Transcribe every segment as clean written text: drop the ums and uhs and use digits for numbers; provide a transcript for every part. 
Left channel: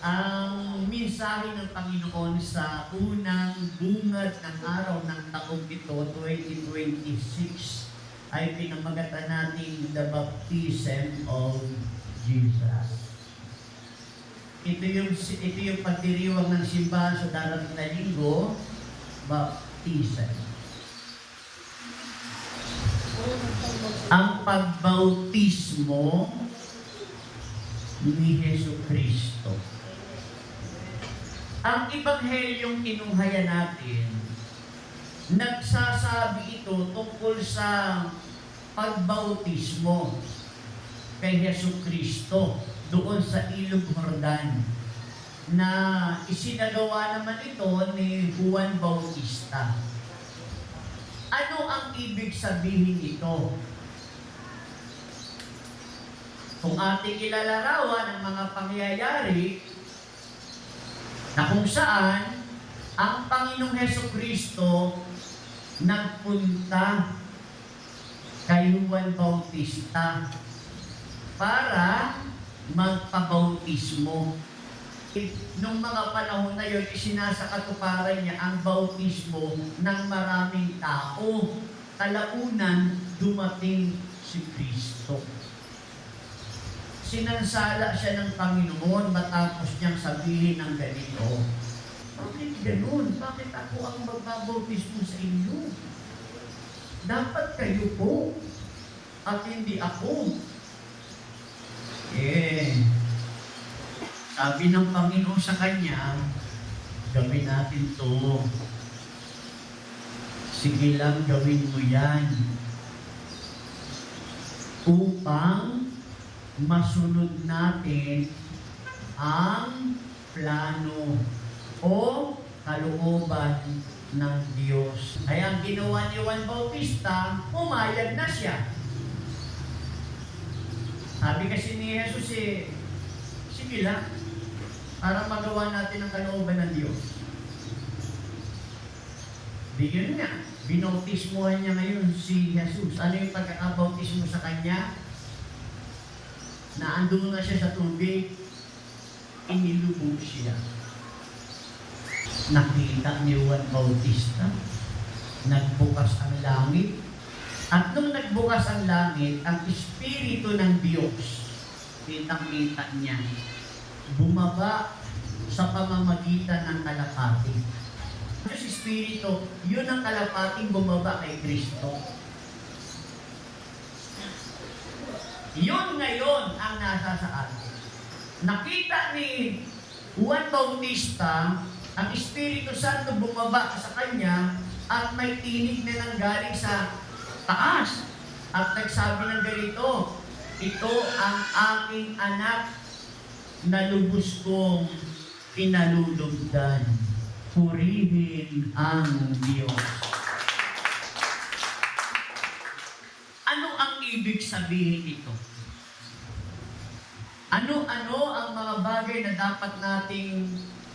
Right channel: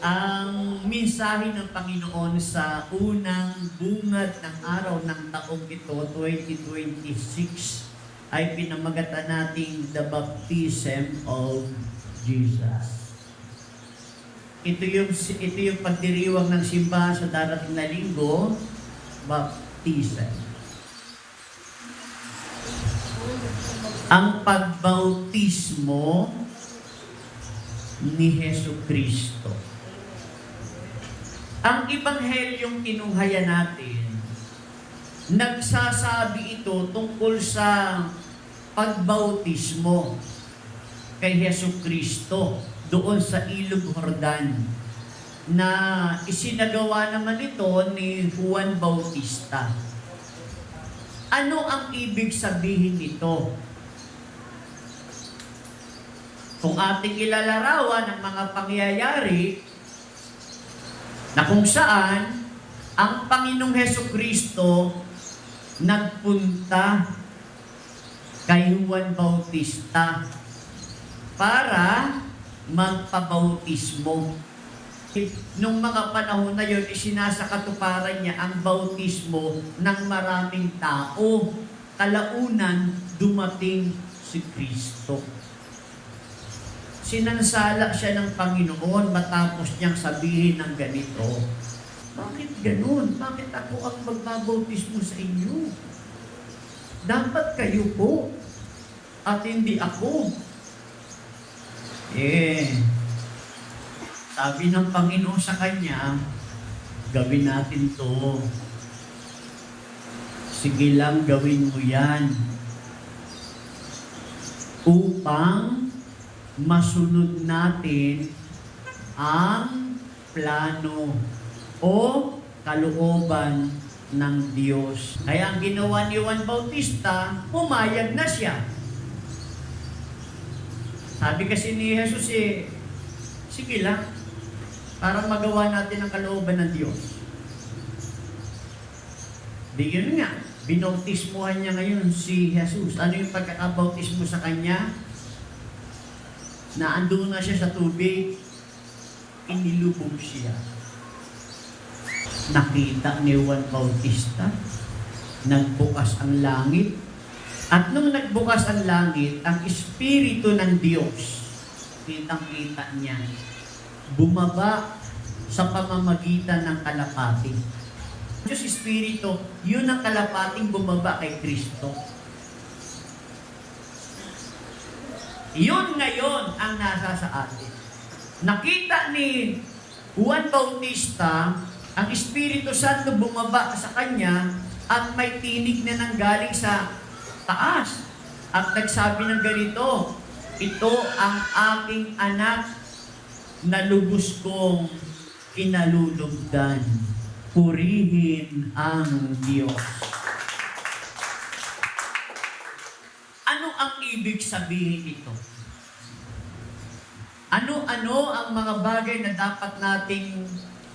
Ang mensahe ng Panginoon sa unang bungad ng araw ng taong ito, 2026, ay pinamagatan natin the baptism of Jesus. Ito yung pagdiriwang ng simbahan sa darating na linggo, baptism. Ang pagbautismo ni Jesucristo. Ang Ebanghelyong kinuhaya natin, nagsasabi ito tungkol sa pagbautismo kay Jesucristo doon sa Ilog Jordan na isinagawa naman ito ni Juan Bautista. Ano ang ibig sabihin nito? Kung ating ilalarawan ng mga pangyayari na kung saan ang Panginoong Hesukristo nagpunta kay Juan Bautista para magpabautismo. Nung mga panahon na yun, isinasakatuparan niya ang bautismo ng maraming tao. Kalaunan, dumating si Kristo. Sinansala siya ng Panginoon matapos niyang sabihin ng ganito, bakit ganun? Bakit ako ang magbabautismo sa inyo? Dapat kayo po at hindi ako. Sabi ng Panginoon sa kanya, gawin natin to. Sige lang, gawin mo yan. Upang masunod natin ang plano o kalooban ng Diyos. Kaya ang ginawa ni Juan Bautista, pumayag na siya. Sabi kasi ni Jesus sige lang, para magawa natin ang kalooban ng Diyos. Di yun nga, binautismuhan niya ngayon si Jesus. Ano yung pagkakabautismo sa kanya? Na andun na siya sa tubig, inilubog siya. Nakita ni Juan Bautista, nagbukas ang langit, at nung nagbukas ang langit, ang Espiritu ng Diyos, kitang-kita niya, bumaba sa pamamagitan ng kalapati. Diyos Espiritu, yun ang kalapating bumaba kay Kristo. Yun ngayon ang nasa sa atin. Nakita ni Juan Bautista ang Espiritu Santo bumaba sa kanya at may tinig na nanggaling sa taas. At nagsabi ng ganito, ito ang aking anak na lubos kong kinalulugdan. Purihin ang Diyos. Ano ang ibig sabihin ito? Ano-ano ang mga bagay na dapat nating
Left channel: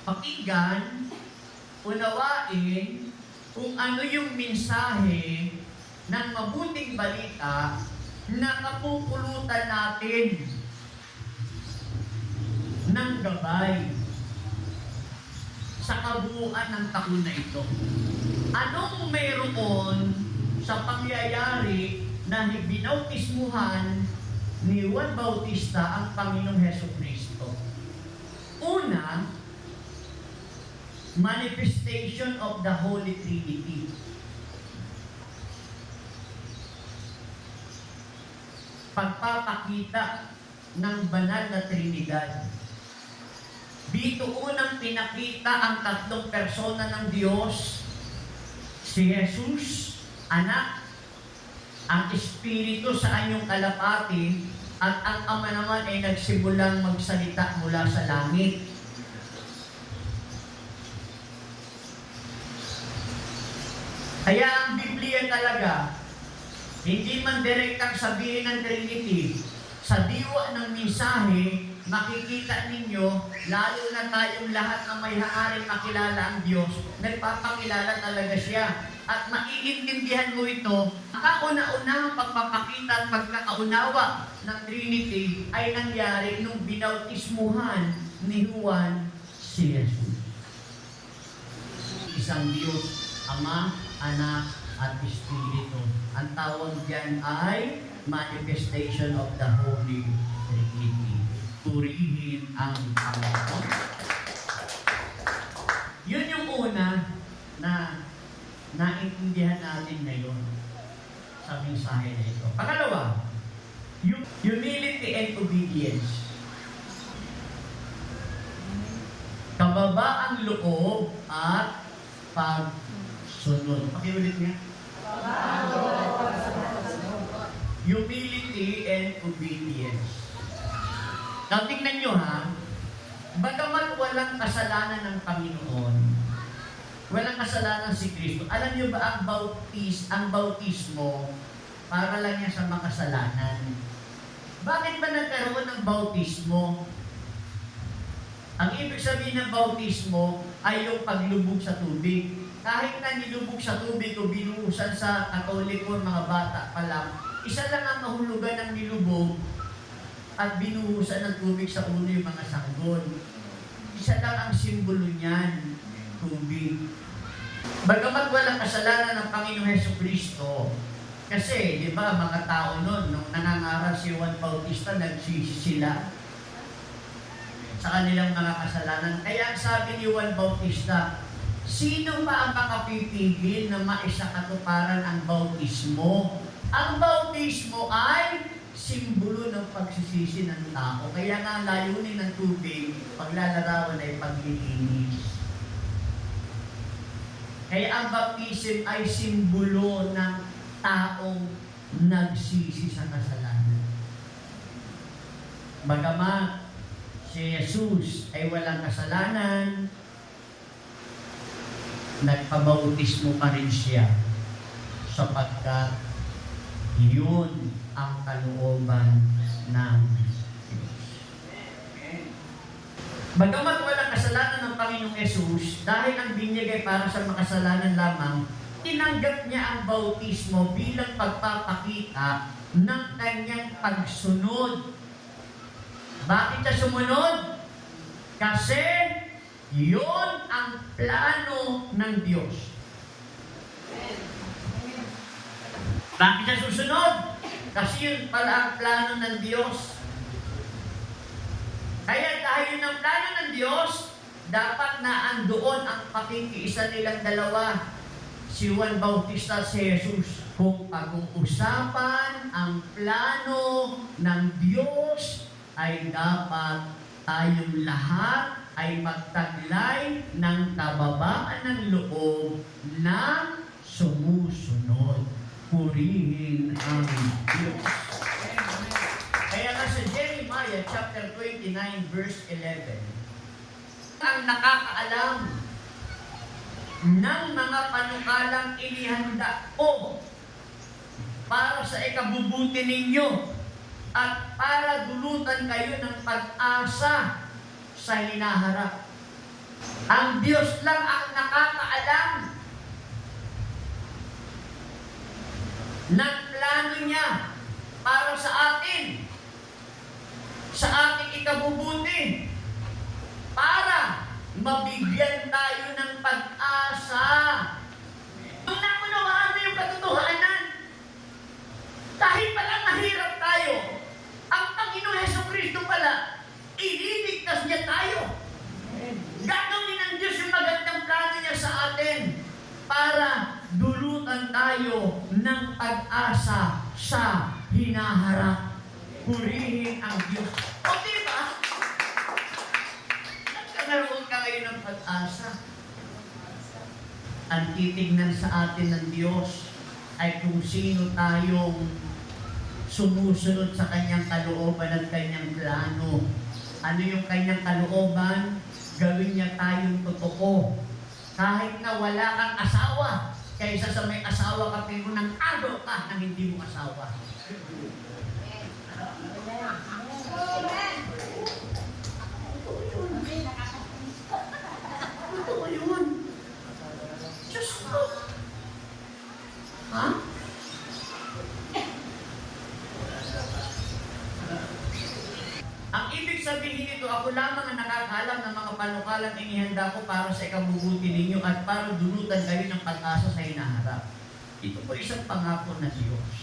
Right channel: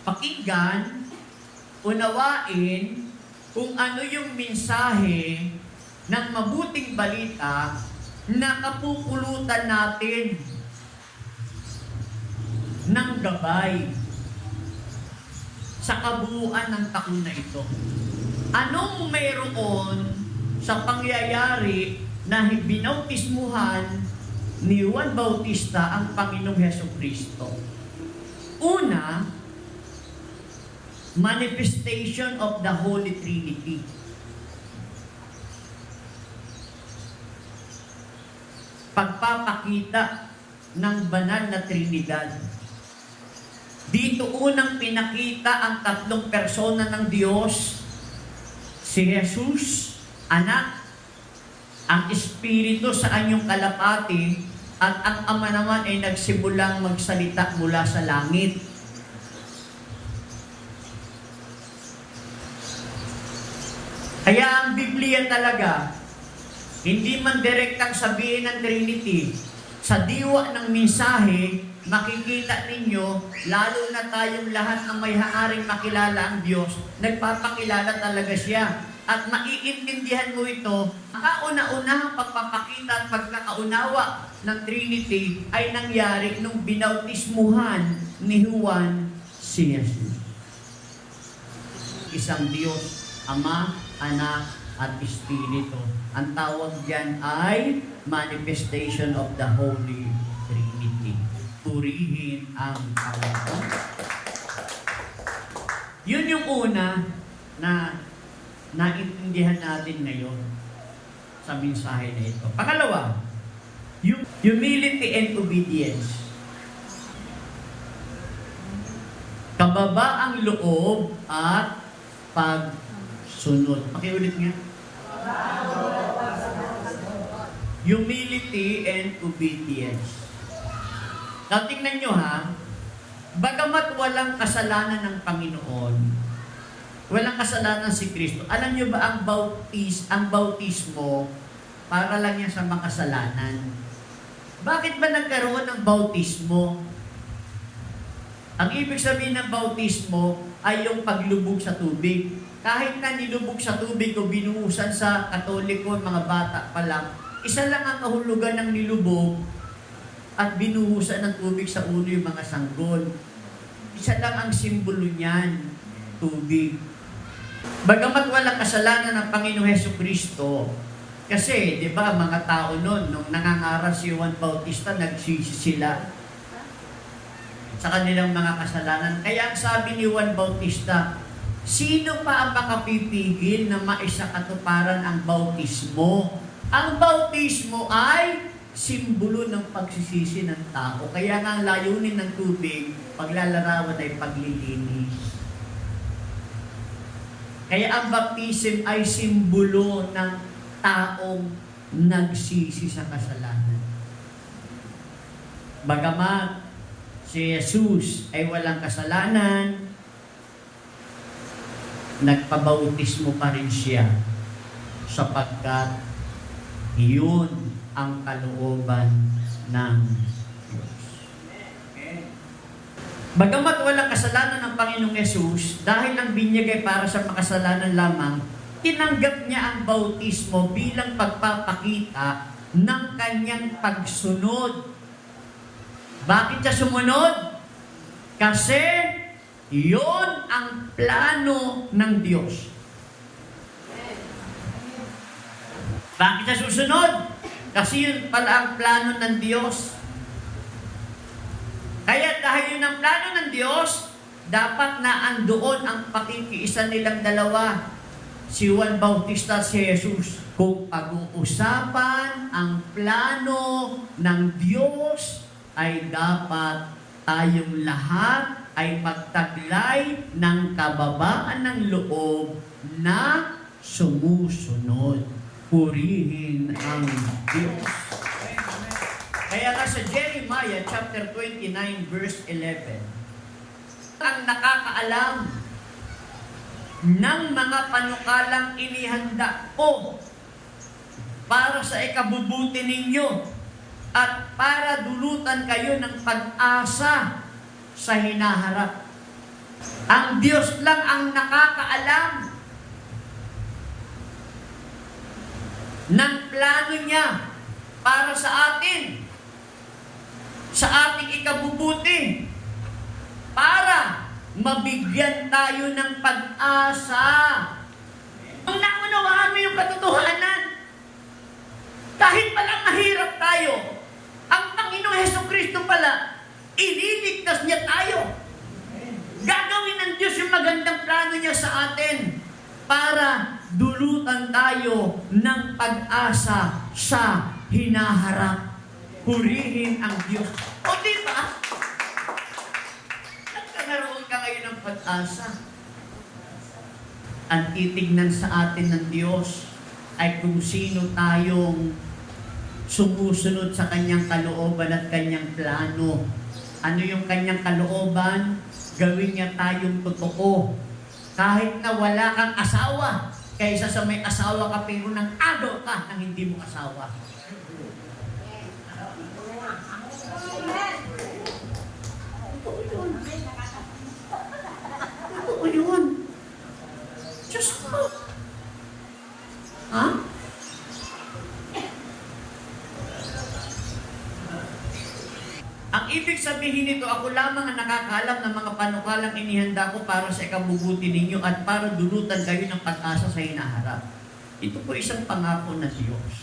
pakinggan, unawain, kung ano yung mensahe ng mabuting balita na kapupulutan natin ng gabay sa kabuuan ng taon na ito. Anong mayroon sa pangyayari na binautismuhan ni Juan Bautista ang Panginoong Hesukristo? Una, manifestation of the Holy Trinity. Pagpapakita ng banal na Trinidad. Dito unang pinakita ang tatlong persona ng Diyos, si Jesus, Anak, ang Espiritu sa anyong kalapati, at ang Ama naman ay nagsimulang magsalita mula sa langit. Kaya ang Biblia talaga, hindi man direktang sabihin ng Trinity, sa diwa ng mensahe, makikita ninyo, lalo na tayong lahat ng may haaring makilala ang Diyos, nagpapakilala talaga siya. At maiintindihan mo ito, ang kauna-unahang pagpapakita at pagkakaunawa ng Trinity ay nangyari nung binautismuhan ni Juan si Jesus. Isang Diyos, Ama, Anak, at Espiritu. Ang tawag diyan ay manifestation of the Holy Trinity. Purihin ang Panginoon. Yun yung una na naintindihan natin ngayon sa mensahe na ito. Pangalawa, yung humility and obedience. Kababa ang loob at pagsunod. Pakiulit nga. Humility and obedience. Now, tingnan nyo ha, bagamat walang kasalanan ng Panginoon, walang kasalanan si Kristo, alam nyo ba ang bautismo, para lang yan sa makasalanan. Bakit ba nagkaroon ng bautismo? Ang ibig sabihin ng bautismo ay yung paglubog sa tubig. Kahit na nilubog sa tubig o binuhusan sa Katoliko, mga bata pa lang, isa lang ang kahulugan ng nilubog at binuhusan ng tubig sa ulo yung mga sanggol. Isa lang ang simbolo niyan, tubig. Bagamat walang kasalanan ng Panginoong Hesukristo, kasi, di ba, mga tao noon, nung nangangaral si Juan Bautista, nagsisi sila sa kanilang mga kasalanan. Kaya sabi ni Juan Bautista, sino pa ang makapipigil na maisakatuparan ang bautismo? Ang bautismo ay simbolo ng pagsisisi ng tao. Kaya nga ang layunin ng tubig, paglalarawan ay paglilinis. Kaya ang baptism ay simbolo ng taong nagsisi sa kasalanan. Bagamat si Jesus ay walang kasalanan, nagpabautismo pa rin siya sapagkat iyon ang kalooban ng Diyos. Bagamat walang kasalanan ng Panginoong Jesus, dahil ang binyag ay para sa makasalanan lamang, tinanggap niya ang bautismo bilang pagpapakita ng kanyang pagsunod. Bakit siya sumunod? Kasi yun ang plano ng Diyos. Bakit siya susunod? Kasi yun pala ang plano ng Diyos. Kaya dahil yun ang plano ng Diyos, dapat na andoon ang pakikiisa nilang dalawa, si Juan Bautista at si Jesus. Kung pag-uusapan ang plano ng Diyos, ay dapat tayong lahat ay magtaglay ng kababaan ng loob na sumusunod. Purihin ang Diyos. Kaya nga sa Jeremiah chapter 29 verse 11, ang nakakaalam ng mga panukalang inihanda ko para sa ikabubuti ninyo at para dulutan kayo ng pag-asa sa hinaharap. Ang Diyos lang ang nakakaalam ng plano niya para sa atin, sa ating ikabubuti, para mabigyan tayo ng pag-asa. Kung naunawaan mo yung katotohanan, kahit palang mahirap tayo, ang Panginoong Hesukristo pala, ililigtas niya tayo. Gagawin ng Diyos yung magandang plano niya sa atin para dulutan tayo ng pag-asa sa hinaharap. Purihin ang Diyos. O diba? Nagkaroon ka ngayon ng pag-asa. Ang titignan sa atin ng Diyos ay kung sino tayong sumusunod sa kanyang kalooban at kanyang plano. Ano yung kanyang kalooban? Gawin niya tayong totoo. Kahit na wala kang asawa, kaysa sa may asawa ka pero nang agaw ka nang hindi mo asawa. Ano yun? Diyos ko. Ha? Ang ibig sabihin sabihin nito, ako lamang ang nakakaalam ng mga panukalang inihanda ko para sa ikabubuti ninyo at para dulutan kayo ng pag-asa sa hinaharap. Ito po isang pangako ng Diyos.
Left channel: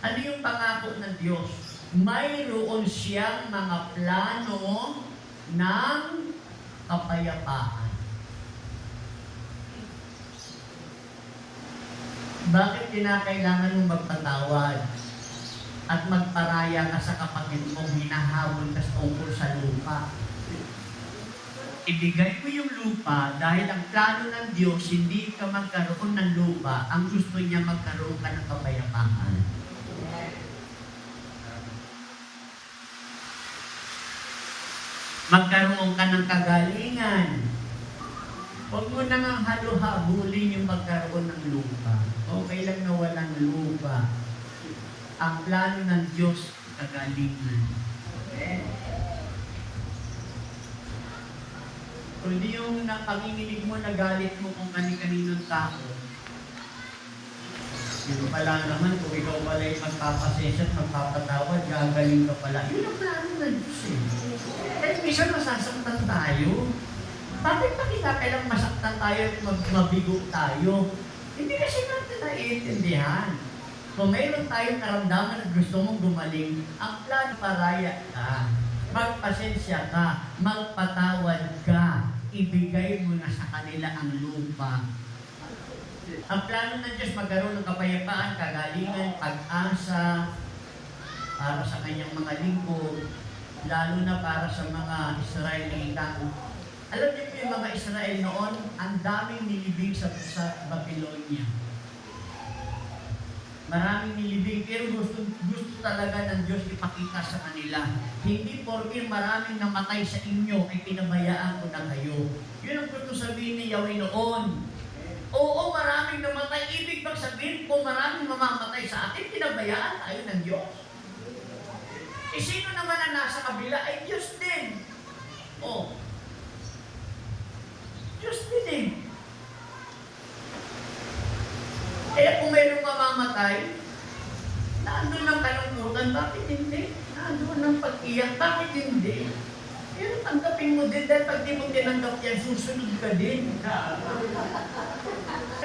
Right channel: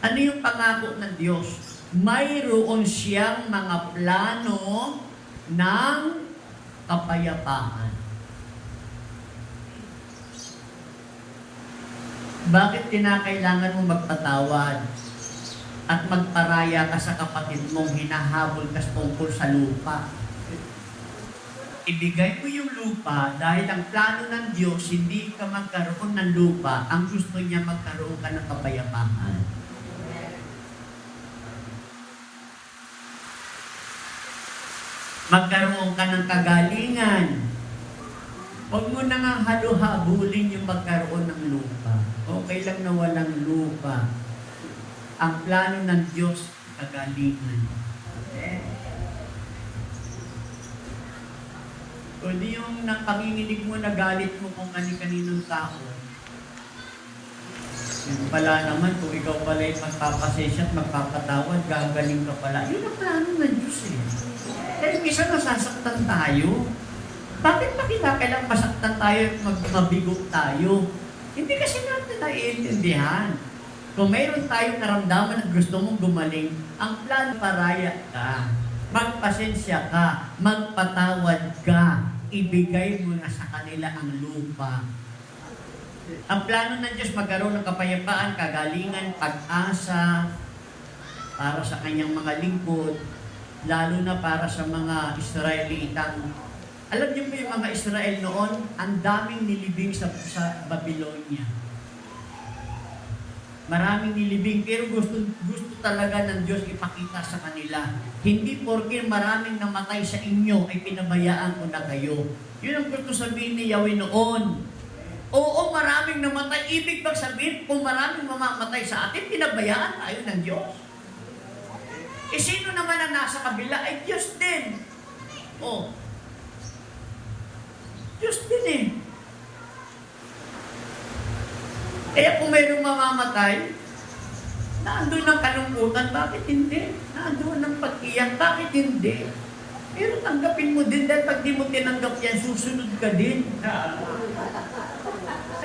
Ano yung pangako ng Diyos? Mayroon siyang mga plano ng kapayapaan. Bakit kinakailangan mo magpatawad at magparaya ka sa kapatid mong hinahabol ka tungkol sa lupa? Ibigay mo yung lupa dahil ang plano ng Diyos hindi ka magkaroon ng lupa, ang gusto niya magkaroon ka ng kapayapaan. Magkaroon ka ng kagalingan. Huwag mo na nga halu-habulin yung magkaroon ng lupa. Okay lang na walang lupa. Ang plano ng Diyos, kagalingan. Kundi yung napanginginig mo, nagalit mo kung kani-kaninong tao. Yun pala naman, kung ikaw pala yung magpapasensya at magpapatawad, gagaling ka pala. Yun ang plano ng Diyos eh. Kaya minsan masasaktan tayo. Bakit pa kailangan masaktan tayo at mabigo tayo? Hindi kasi natin naiintindihan. Kung mayroon tayong naramdaman at gusto mong gumaling, ang plano paraya ka, magpasensya ka, magpatawad ka, ibigay mo na sa kanila ang lupa. Ang plano ng Diyos magkaroon ng kapayapaan, kagalingan, pag-asa para sa kanyang mga lingkod, lalo na para sa mga Israelitang. Alam niyo po yung mga Israel noon, ang daming nilibing sa Babylonia. Maraming nilibing, pero gusto talaga ng Diyos ipakita sa kanila. Hindi porke maraming namatay sa inyo, ay pinabayaan ko na kayo. Yun ang gusto sabihin ni Yahweh noon. Oo, maraming namatay. Ibig bang sabihin, kung maraming mamamatay sa atin, pinabayaan tayo ng Diyos? Eh, sino naman ang nasa kabila? Ay, Diyos din. Oh. Diyos din eh. Kaya kung mayroong mamamatay, naandun ang kalungkutan, bakit hindi? Naandun ang pag-iyak, bakit hindi? Pero tanggapin mo din dahil pag di mo tinanggap yan, susunod ka din.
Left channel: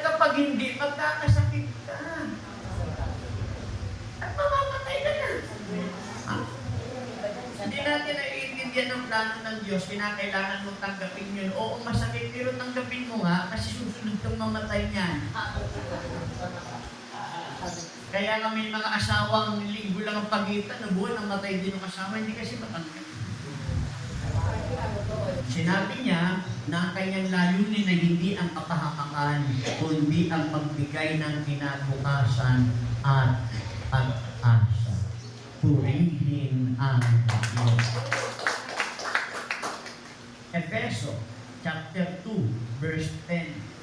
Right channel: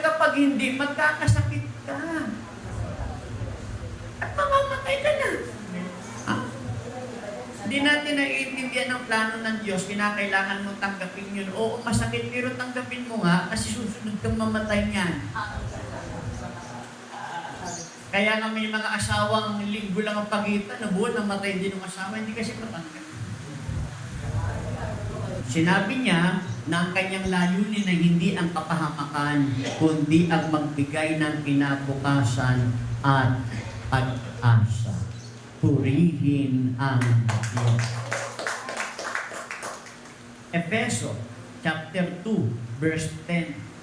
Kapag hindi, magkakasakit ka. At mamamatay ka na. Hindi natin naiintindihan ang plano ng Diyos, kinakailangan mong tanggapin yun. Oo, masakit, pero tanggapin mo nga kasi susunod kang mamatay niyan. Kaya nga may mga asawang linggo lang ang pagitan, na buwan namatay din ang asawa, hindi kasi matanggap. Sinabi niya na ang kanyang layunin na hindi ang kapahamakan, kundi ang magbigay ng kinabukasan at pag-asa. Purihin ang Diyos. Efeso chapter 2, verse 10.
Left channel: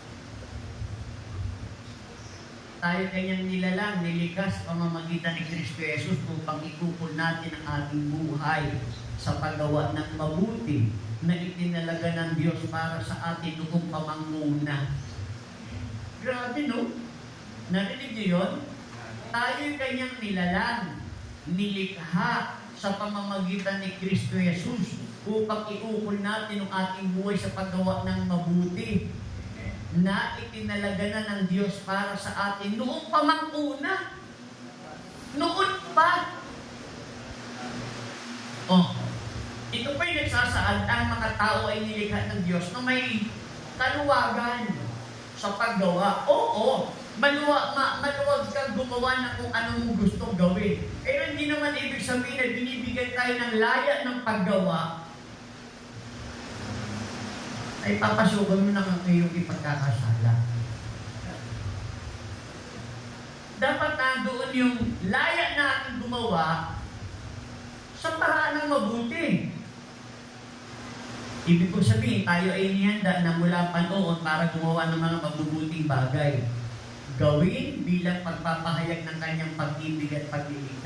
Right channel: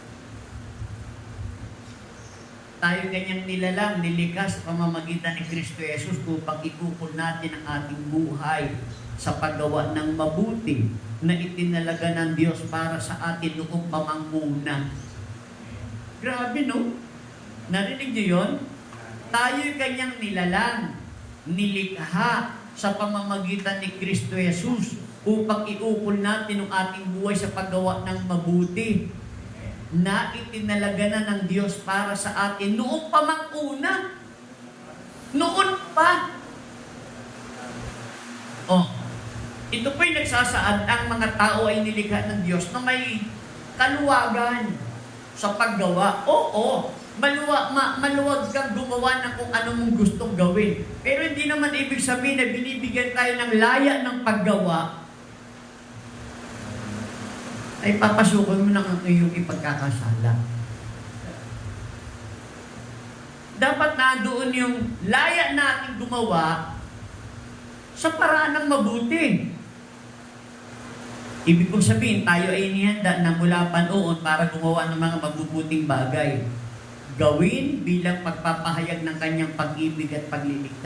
Tayo kanyang nilalang, nilikha sa pamamagitan ni Kristo Jesus upang ikukul natin ang ating buhay sa paggawa ng mabuti na itinalaga ng Diyos para sa atin noong pamanguna. Grabe no? Narinig niyo yun? Tayo kanyang nilalang, nilikha sa pamamagitan ni Kristo Jesus upang iukol natin ang ating buhay sa paggawa ng mabuti na itinalaga na ng Diyos para sa atin noong pamanguna. Noon pa. Oh, ito po'y nagsasaad ang mga tao ay nilikha ng Diyos na may kaluwagan sa paggawa. Oo, maluwag ka gumawa ng kung ano mong gustong gawin. Pero hindi naman ibig sabihin na binibigyan tayo ng laya ng paggawa ay papasukan mo ng iyong ipagkakasala. Dapat nandoon yung laya natin gumawa sa paraan ng mabuti. Ibig kong sabihin, tayo ay inihanda na mula panoon para gumawa ng mga mabubuting bagay. Gawin bilang pagpapahayag ng kanyang pag-ibig at pagliligtas.